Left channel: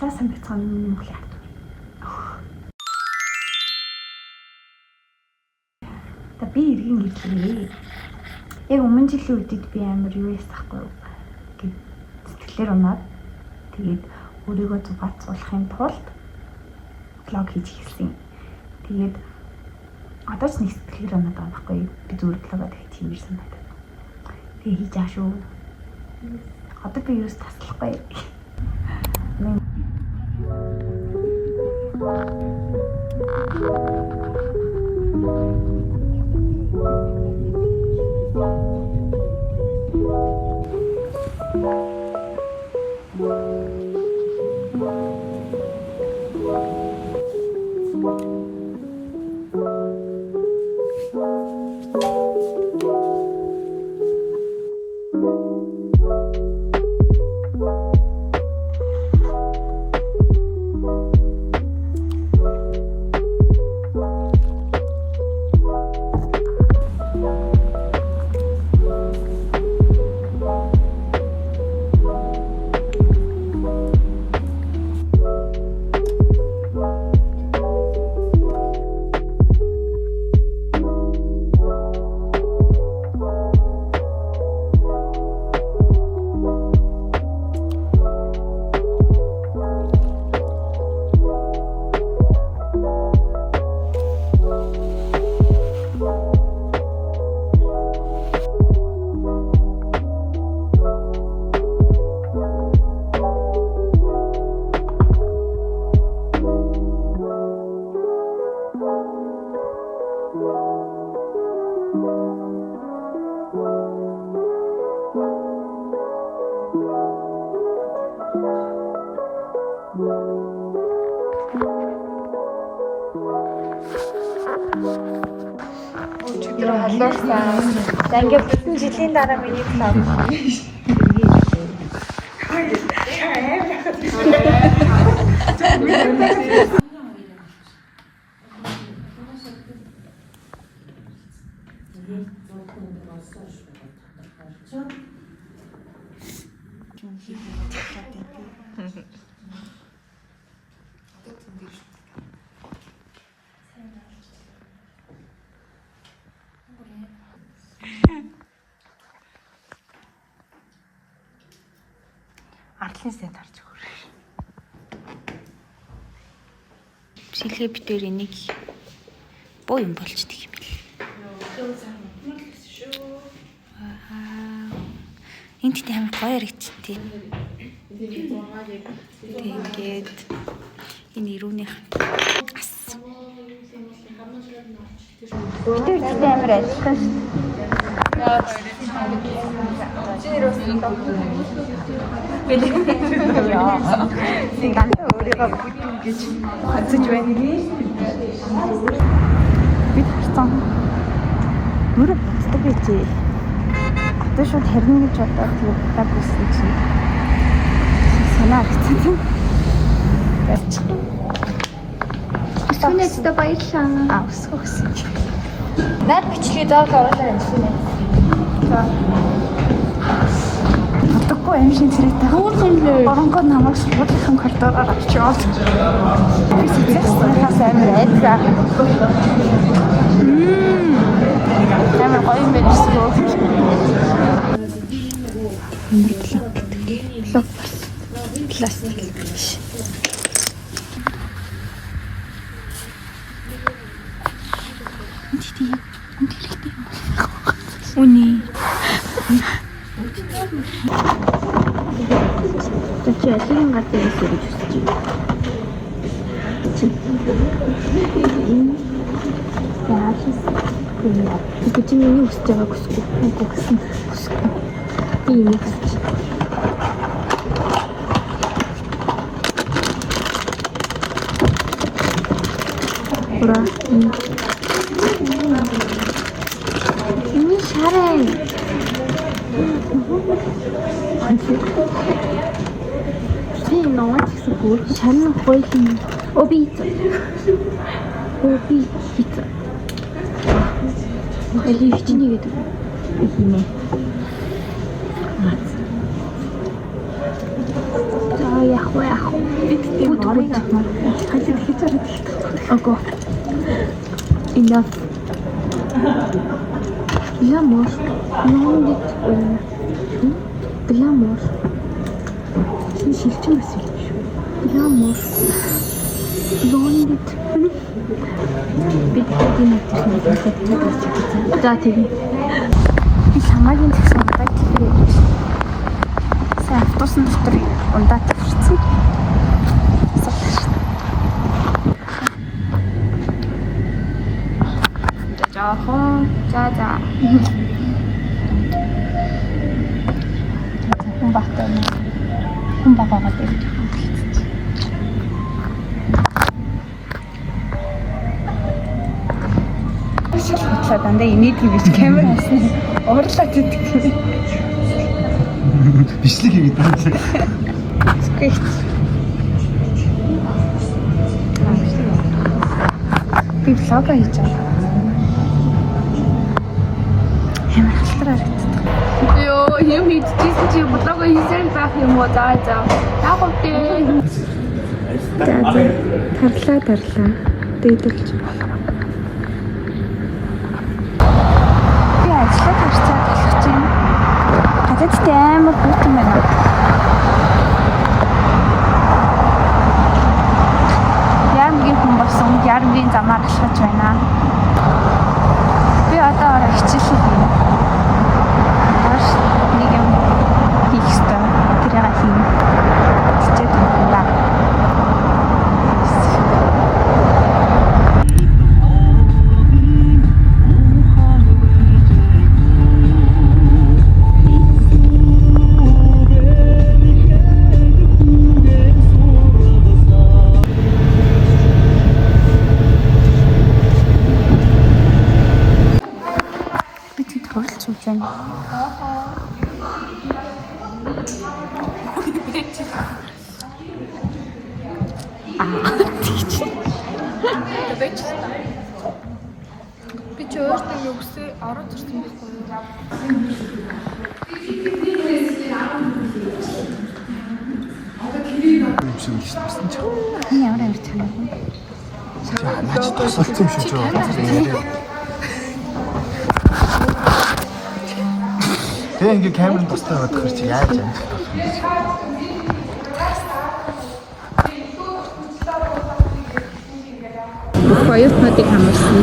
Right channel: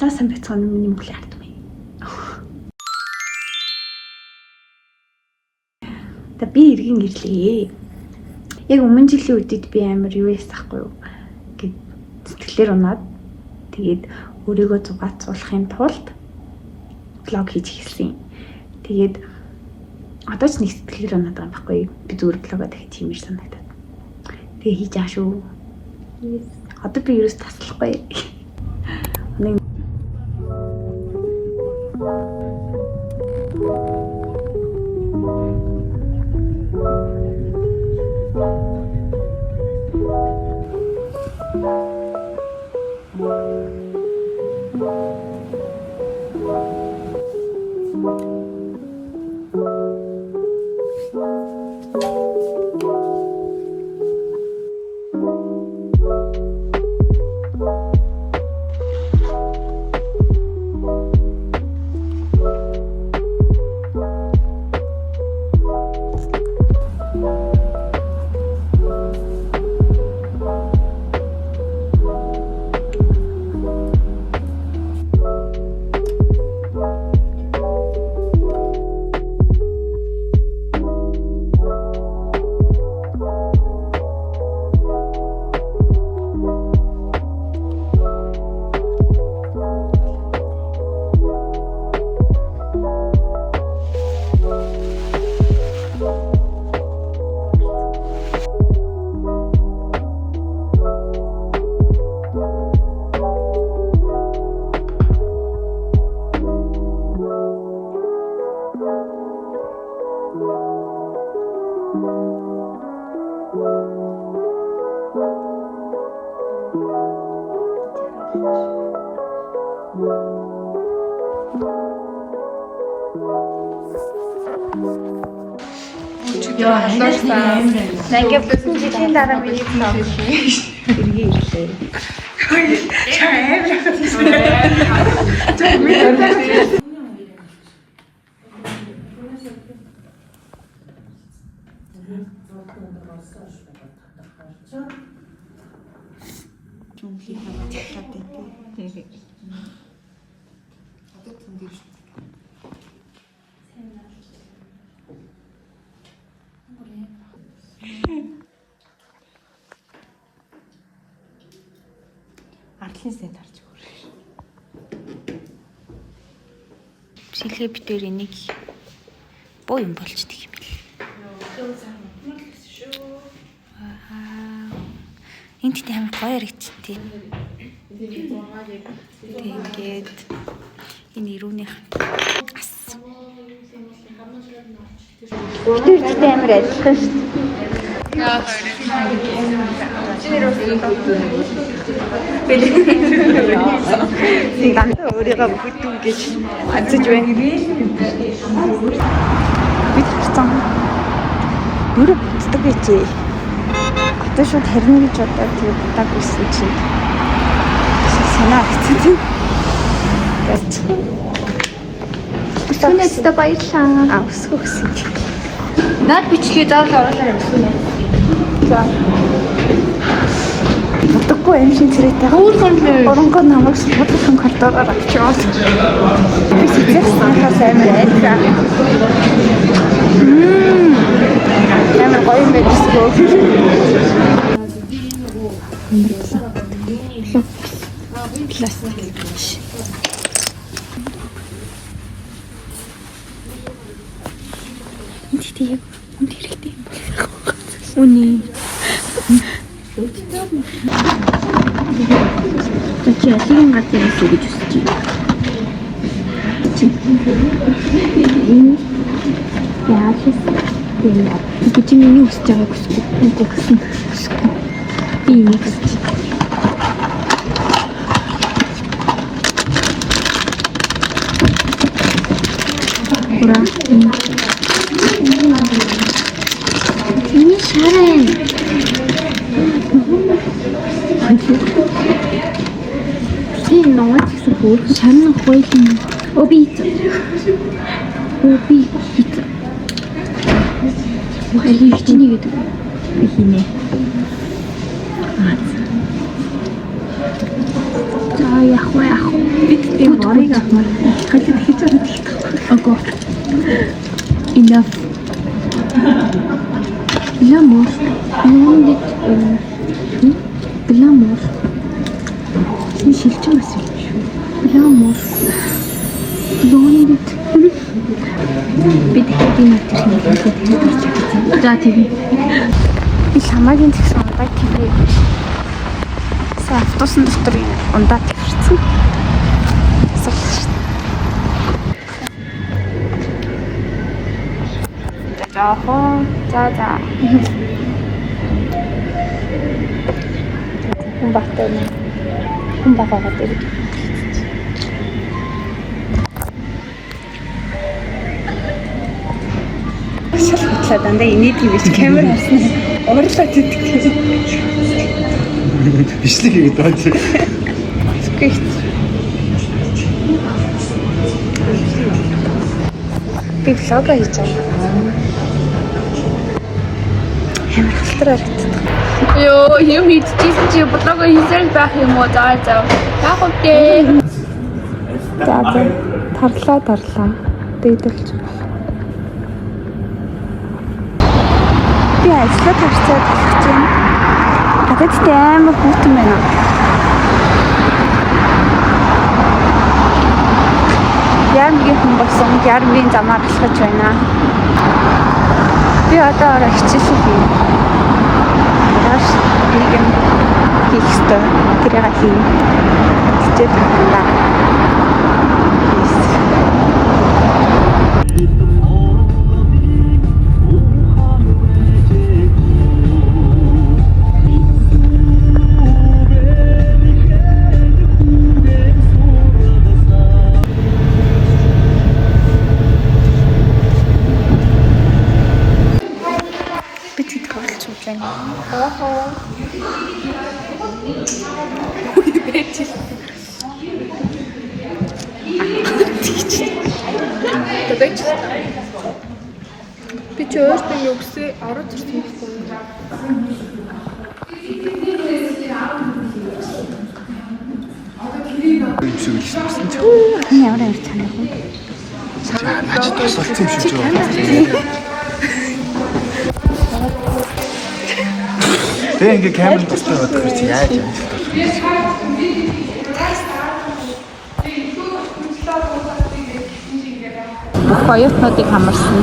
Таасан бяцхан миний Монголын ард юм. Та би иргэн ирлээ. Яг өмнө жилийн үедд би амар юу ясахгүй юу гэд сэтгэлээр унаад тэгээд өөрийгөө зугаацуулахын тулд блог хийж эхэлсэн. Тэгээд одоо ч нэг сэтгэлээр унаад байгаа юм байхгүй юу? Би зүгээр блогоо дахиж хиймээр санагдаад. Тэгээ хийж аа шүү. Одоо би ерөөс таслахгүй. Жилийн дараа миний ардлын сэн тарж өгөр. Шилгээ битээр энийг боо юм болчдөг юм бэл. Энд тийм амар гоё харагдчихдээ. Тэгээд энэ ирүүнийх ас. Битээр тийм амар ажиллах шүү дээ. Дандаа өөрийгөө бүдүүн гэж онцож байна. Бид харцсан. Бүрэ бүтдэг гэжээ. Одоо шууд харна гэж бодоод тэгээ будаг байсан чинь. Санаа хэцүү. Тэстэй баярлаа. Өсгөх. Наад бичлэгээ доорлоо оруулаа явуулсан. За. Бодоггүй амжилт царайтай. Оронгоо намайг бодлохын коридороор авчираад. Би сэтгэлээс амар айдаа. Амар гоё юм биш үү? Үний. Чи асийн гатын гэж үзэж байна. Яа тийм. Би чи миний үсэж байгааг үсгүй. Би нэг үсэж. Ini Sharon. Ini nomor tersebut Sharon Hoying. Obi. Ini gitu. Ini. Ah, ya, Бид тийм борыг авмаар хажууд хийж байгаа болохгүй. Enough. Lamor. Юунд Lamor. Чи шилжих байсан юм шүү. Lamor. Юунд бид тийм natурын хэлбэртэй хэлж байгаа. За тийм. Би хамаагийн тэгсэн удаа тийм. Сайн автобусны дотор ундаа тавьчихсан. Жаахан. За. Хүн багтай нэ. Хүн багаагаад гэж. Шалхатлаа дандаа инээд юм биш камер харснаа уурлаад идэх. Бичлэг хийгээд байна. Би влог хийж байгаа. Ямар халтар харагддаг. Йоо, юм хийчихсэн чи бодлого хийсэл байх юм уу? За. Яг үгүй. За. Тарлаа. Дэйдэлж. Би ажлаа тавцаад талхсан. Гадаадтай амар хүүтэн байна. Ямгийн хүн болсон ярмын замаар алхаж байна. Би одоо хичээлээ хийнэ. Маргааш юм хийх ёстой. Тэрийг хийнэ. Хичээл байна. Би ч өөртөө югсээ ороод ирсэн байхгүй юу? Ямар цанаа хүн. Наач тусалсан юм шиг байна. Тэгээ ингээ камер тустай бодох хэрэг чи яаж яаж болох юм бэ? Бүх оюутнуудыг хамарсан.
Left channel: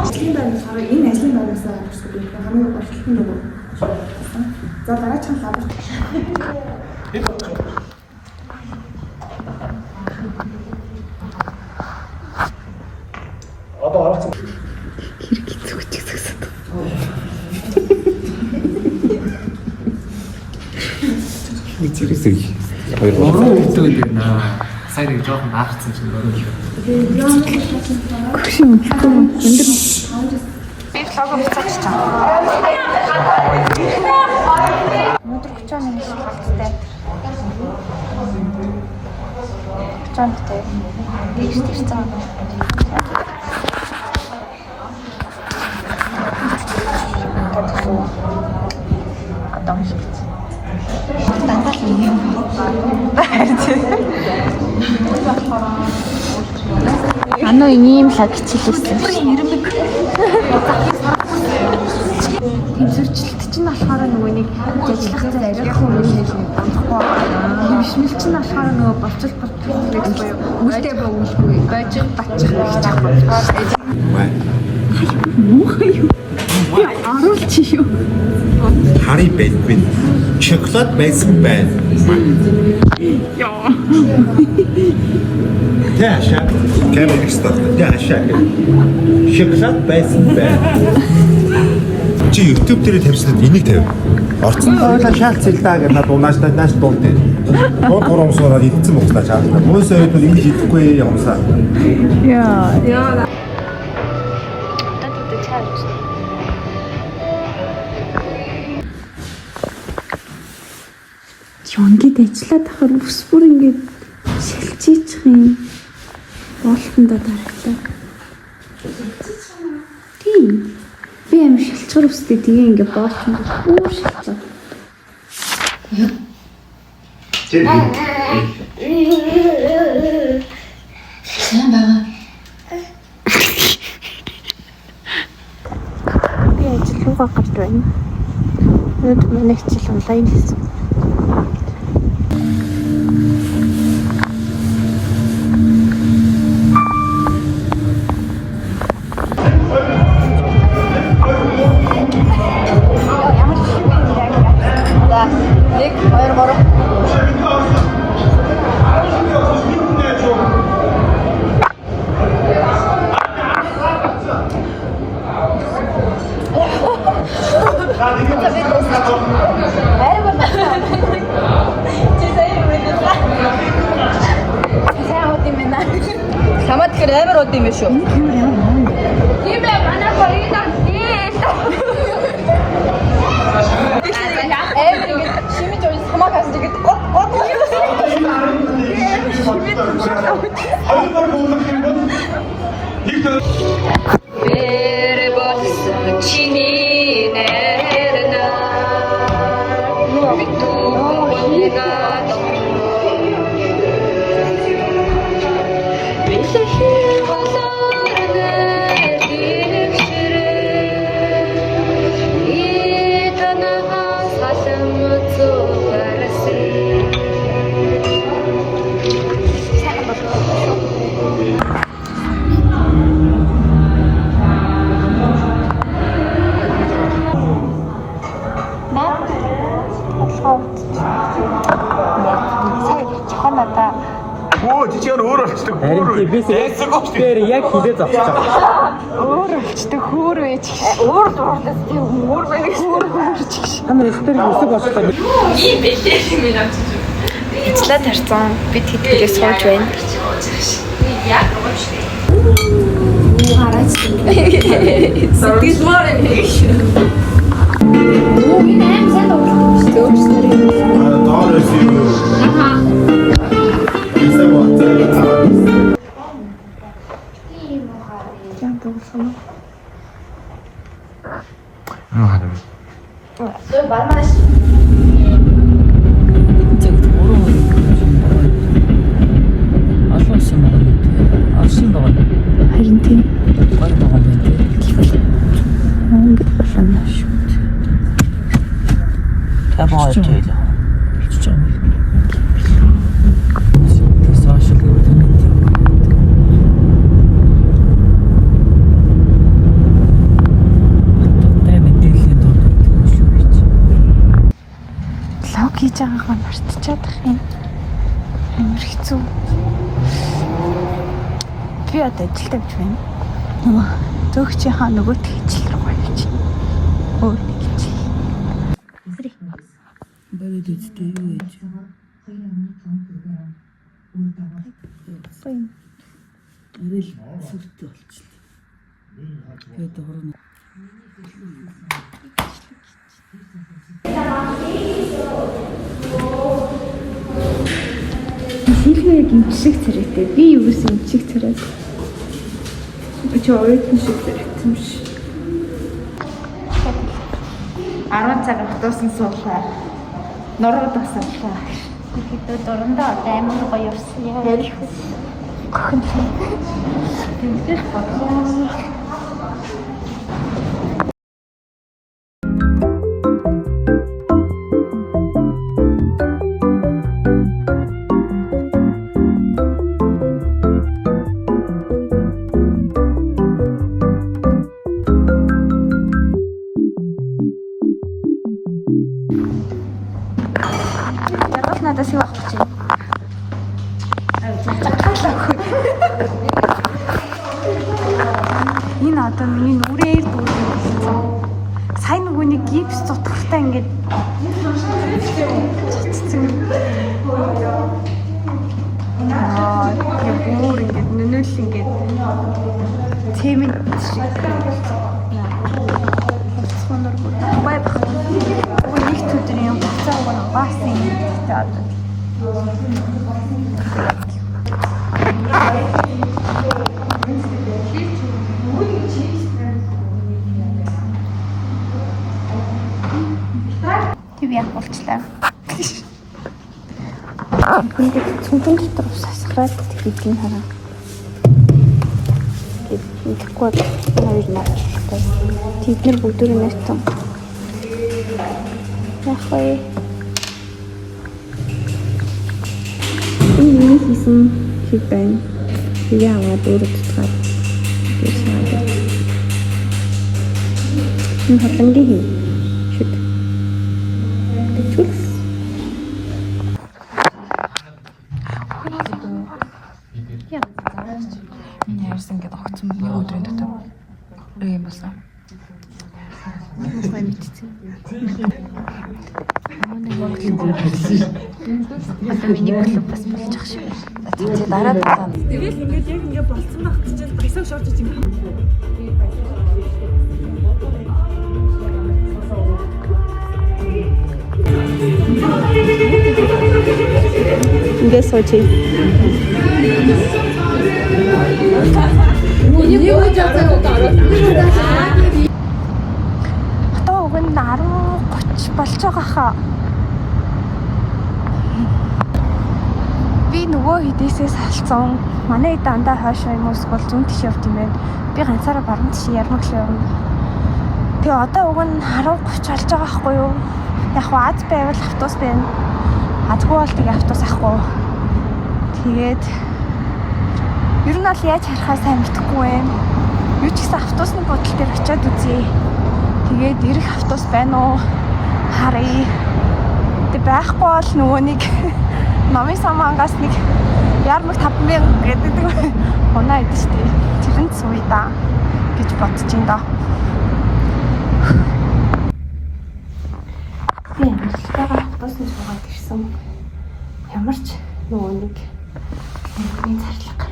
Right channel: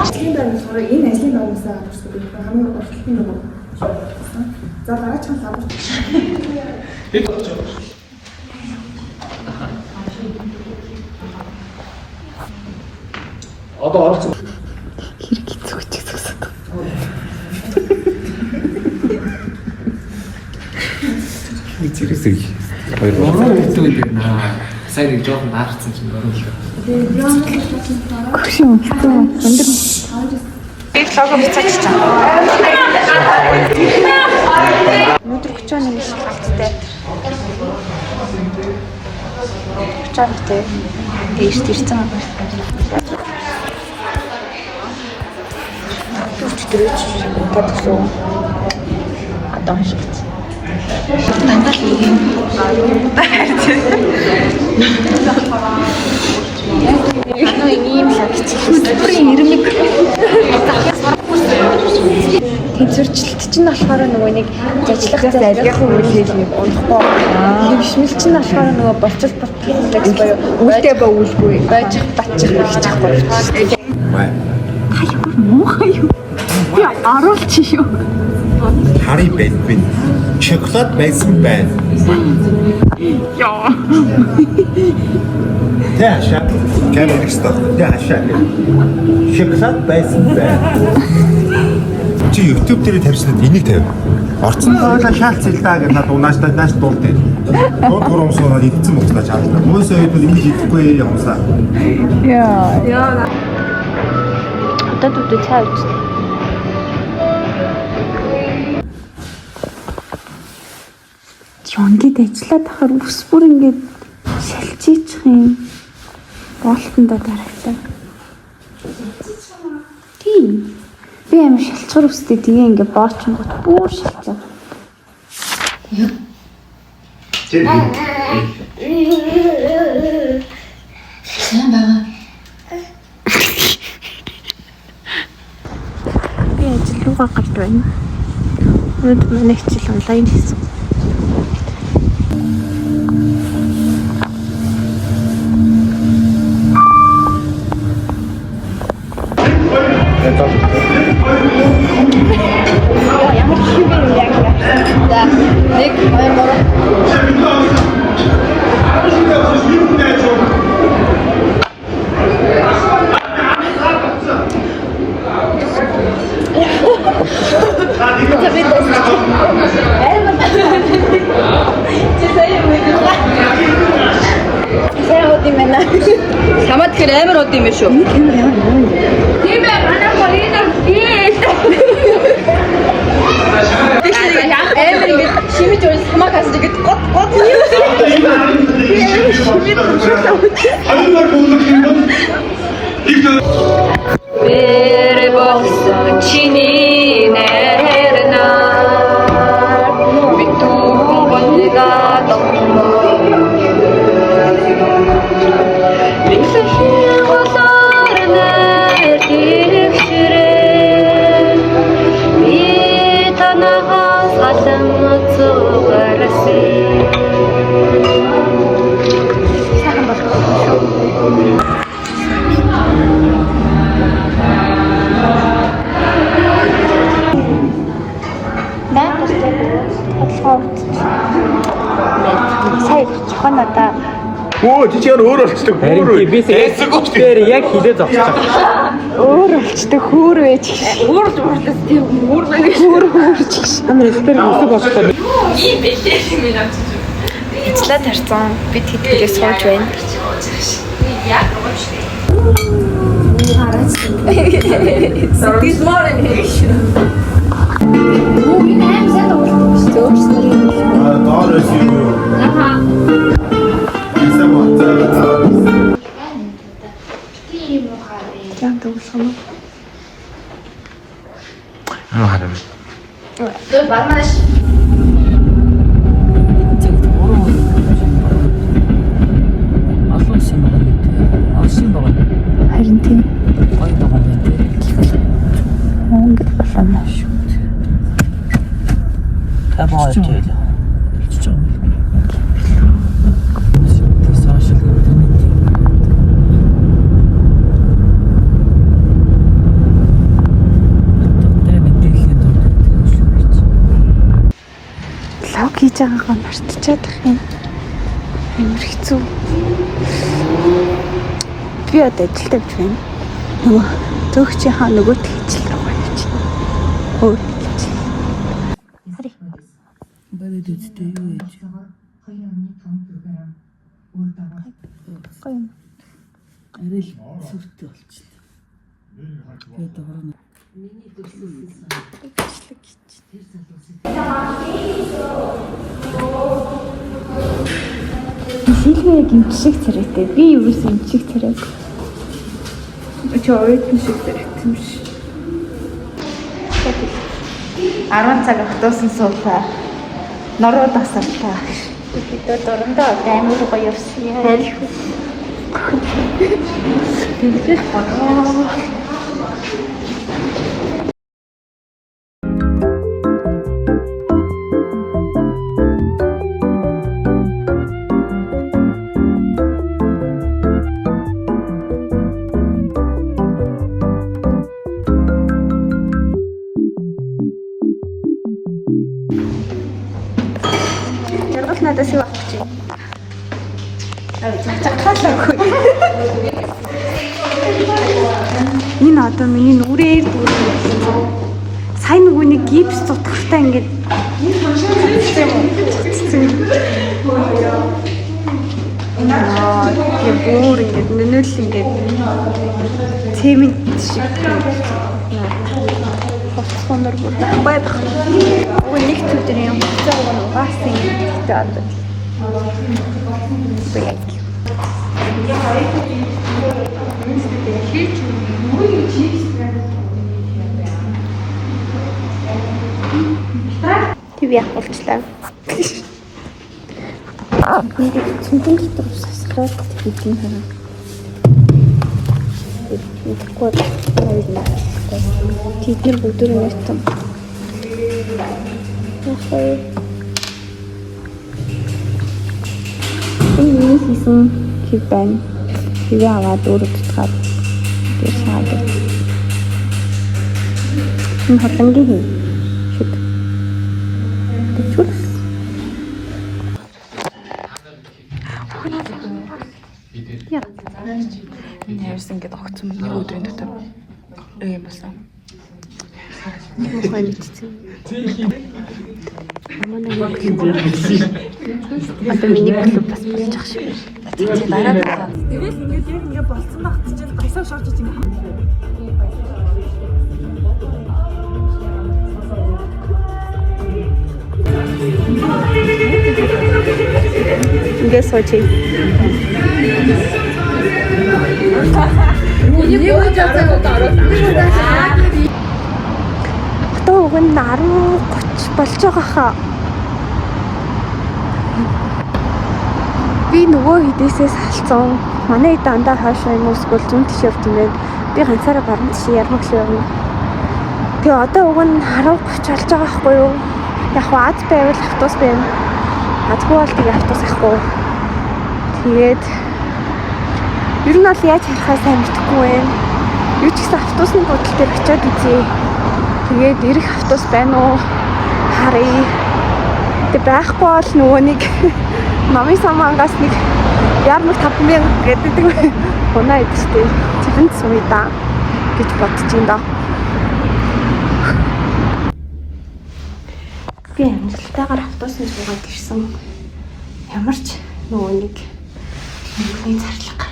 Ажлын байрны энэ ажлын байраас авчихсан би хамгийн урталтай нэг. За дараач нь лабор. Одоо оролцсон. Хэрэг хэцүү гэсэн. Мэдэрсэй. Ороо өгдөг юм аа. Сайн нэг жоохон наахсан юм ороо. Хөшөө өндөр. Би лого буцаач чам. Өндөр 31 шалгалттай. 30-тэй. Дээрс ирсэн. Татглоо. Одоо хашгиц. Дандаа л юм. Юу ийм л хичээлээ. Хөдөлмөрийн ирмэг. Тэнцвэрчлэлт чинь болохоор нөгөө нэг ажиллах зайлгын үйлдэл нэг унахгүй. Хөвшмөл чинь болохоор нөгөө болцол бодлогс боёо. Үлдээ ба үлгүй. Байж батчих хийчихгүй. Бай. Муухай юу? Би аруулч юу? Хари байдгүй. Шоколад байсан байна. Яа. Тэшаа. Камер экстра. Тэшаа. Шоколад байсан байна. Чи YouTube дээр тавьчихсан энийг тавь. Орцсон. Шаалц хэлдаа гэж хад унааштай нааш дуулдаг. Гурван усаараа идсэн мөстөж аа. Хүмүүсээ энийг идэхгүй явсаа. Яа. Одоо дүүд цаавч. Жонгид ажиллаад ахаар ус бүр ингээд шалчиж. Яах юм? Болтондоо дарагтаа. Тийм. Би амар шалцуур өстэй тэгээ ингээ боочин бүр шалцуу. Сайн байгаа. Би ажил руугаа гарч байна. Өнөөдөр манай хичээл онлайн хийсэн. Самат тэр амар од юм шүү. Камер ямар наа. Тийм ээ, манай хоёрын шимэж өөр самаа хас тэгээд гот юм. Бэр болсон чиний нэрнэ. Битүү болигаа сая чуханада Оо жижигэр өөр болчихдог. Өөр. Эсгүүч дээр яг хилээ зовчихсон. өөр болчтой хөөр байж гэж. өөр дуурдас тийм өөр байна. Хөөр хөөрч гэж. Амар эсгээр өсөг болчихсон. Ийм бэлээ юм авч. Ажлаа тарцсан. Бид хэдгээс сууж байна. Яг гоочтой. This morning. Доорос юу? За төгсгөн. харам. Dur bakmaş. Алуусан байгаа. Авсан байгаа. Харин тийм. Гой байгаа юм. Монгол болоно шүү. Та бооч яа. Чичээ. Сошиал лог хийж байгаагаа мартчихад ах юм. Амар хэцүү. Би одоо ажилд явж байна. Нөгөө төгчийнхаа нөгөөт хичээл рүү явж байна. Хөө хичээл. Хари. Бэлэд үстэй юу яаж? Гоё. Арил сүртэй болчихлоо. Тэгээд хорон. Сэлгээ гимшиг царайтай. Би юу гэсэн гимшиг царай. Очоо гимшиг царайтай юм шиг. 10 цаг хатуусан суулаа. Норууд асарлаа. Бид дөрөндөө амар гоё явсан яа. Жаргал надаас юу авах гэж байна? Энэ одоо миний нүрээр дүүрэн болсон. Сайн нөгөөний гипс цутгахтаа ингээд яг бүр ингээд нөнөөл ингээд цемент шиг хонор бүр бай баг. Уг нэг өдөр юм цаа уг нь угаасан гэдэг одоо. Тэг яах болчлаа. Ингээд цүнхэн дотор сасгаад хийх хараа. Тэгэхгүй хоёр наачихгүй. Тэд нар бүгдөө нэтэн. Яхаа. Энэ хийсэн чи байна. Тэгээ аваад өөрөдөлтгаад тэгээ шаадаг. Энэ хотонгийн хий. Шүт. Тэчүүл. Энэ хайрсан ингээд огцсон нэг өдрийн дотор юм болсон. Мохой мэдсэн. Одоо миний клуб бас болж ах шиг. Тэгэл ингээд яг ингээд болцсон байх гэж баясаа шорж иж юм. Ингээд сууч. Одоо уг нь 10:30 болж байгаа хаа. Би нөгөө хэдээсээ салцсан. Манай дандаа хаашаа юм эсвэл зүүн тийш явт юм байна. Би ганцаараа баруун тийш ярмаг шиг явна. Тэгээ одоо уг нь 10:30 болж байгаа байхгүй юу? Яг хаа аз байвал автобус байна. Азгүй бол тэгээ автобус ахгүй. Тэгээд ер нь бол яаж харахаа сайн мэдэхгүй байна. Юу ч гэсэн автобусны бодол дээр очиад үзье. Тэгээд ирэх автобус байна уу? Харъя. Тэг байхгүй бол нөгөө нэг намын самангаас нэг ярмаг 5,000 гэдэг унаа идэж тэрэнд сууя да гэж бодож юм да. Би амралтайгаар автобусны суугаад ирсэн. Ямар ч нөгөө нэг зарлага.